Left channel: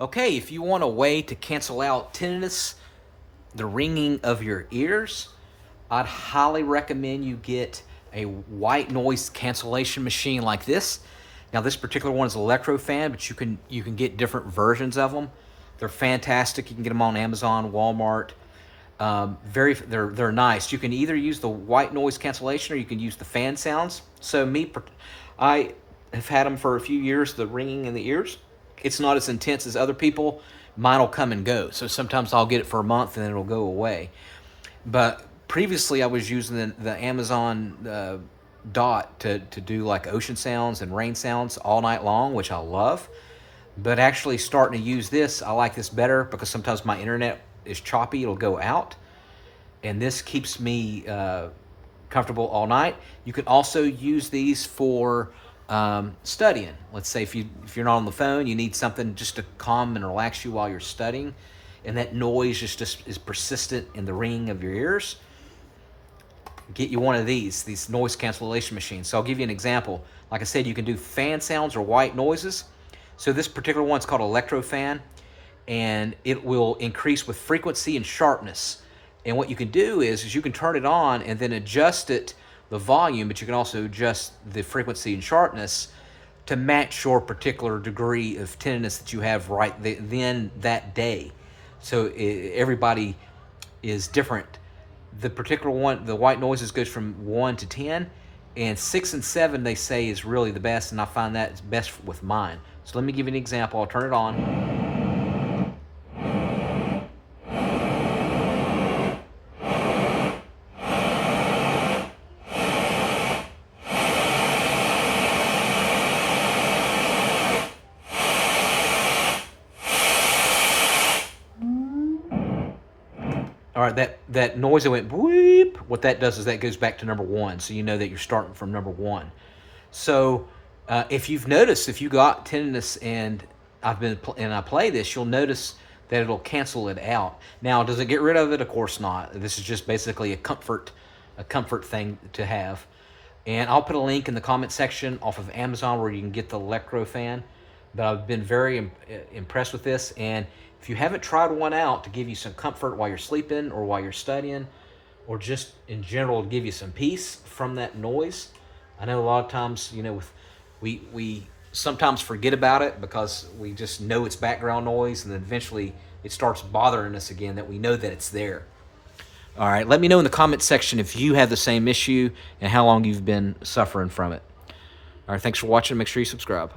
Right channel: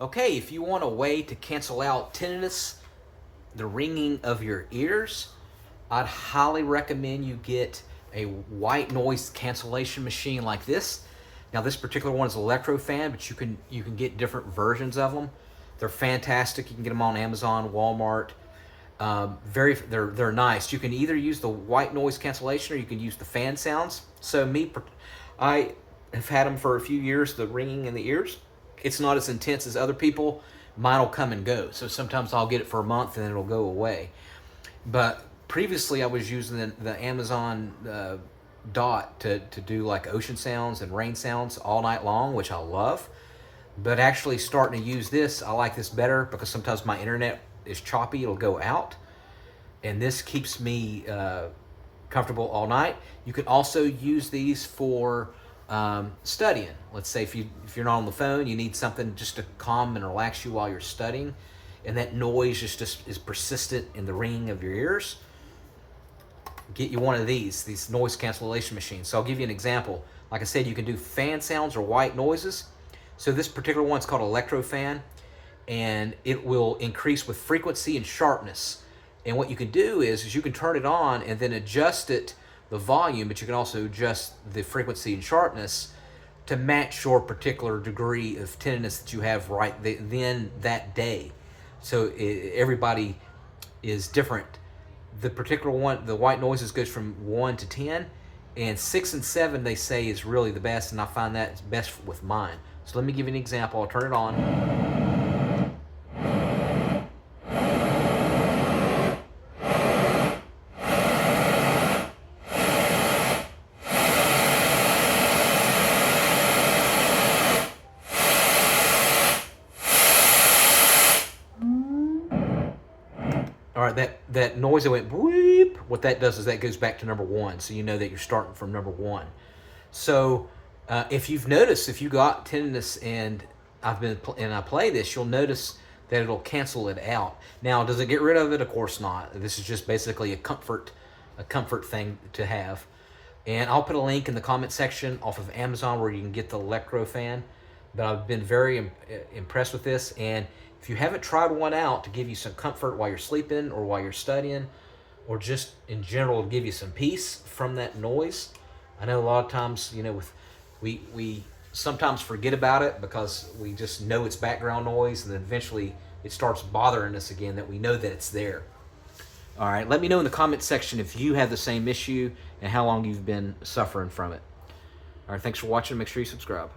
Okay, if you want a way to cancel out tinnitus, the ringing of your ears, I'd highly recommend you get a white noise cancellation machine like this. Now, this particular one is Electrofan, but you can get different versions of them. They're fantastic. You can get them on Amazon, Walmart. They're nice. You can either use the white noise cancellation or you can use the fan sounds. I have had them for a few years. The ringing in the ears, it's not as intense as other people. Mine will come and go. So sometimes I'll get it for a month and then it'll go away. But previously, I was using the Amazon Dot to do like ocean sounds and rain sounds all night long, which I love. But actually, starting to use this, I like this better because sometimes my internet is choppy; it'll go out, and this keeps me comfortable all night. You can also use these for studying. Let's say if you're not on the phone, you need something just to calm and relax you while you're studying, and that noise just is persistent in the ringing of your ears. Get you one of these noise cancellation machines. So I'll give you an example. Like I said, you can do fan sounds or white noises. So this particular one's called Electrofan, and it will increase with frequency and sharpness. And what you can do is you can turn it on and then adjust it, the volume, but you can also adjust the frequency and sharpness to match your particular degree of tinnitus that you have then that day. So everybody is different. The particular one, the white noises, goes from 1 to 10, and 6 and 7 they say is really the best, and I find that is best with mine. So let me give you an example. I'll turn it on. All right, that noise that went weep, what that does is that goes back to number 1, so you know that you're starting from number 1. So if you've noticed, if you got tinnitus and I play this, you'll notice that it'll cancel it out. Now, does it get rid of it? Of course not. This is just basically a comfort thing to have. And I'll put a link in the comment section off of Amazon where you can get the Electrofan. But I've been very impressed with this. And if you haven't tried one out to give you some comfort while you're sleeping or while you're studying, or just in general to give you some peace from that noise, I know a lot of times, we sometimes forget about it because we just know it's background noise, and then eventually it starts bothering us again that we know that it's there. All right, let me know in the comment section if you have the same issue and how long you've been suffering from it. All right, thanks for watching. Make sure you subscribe.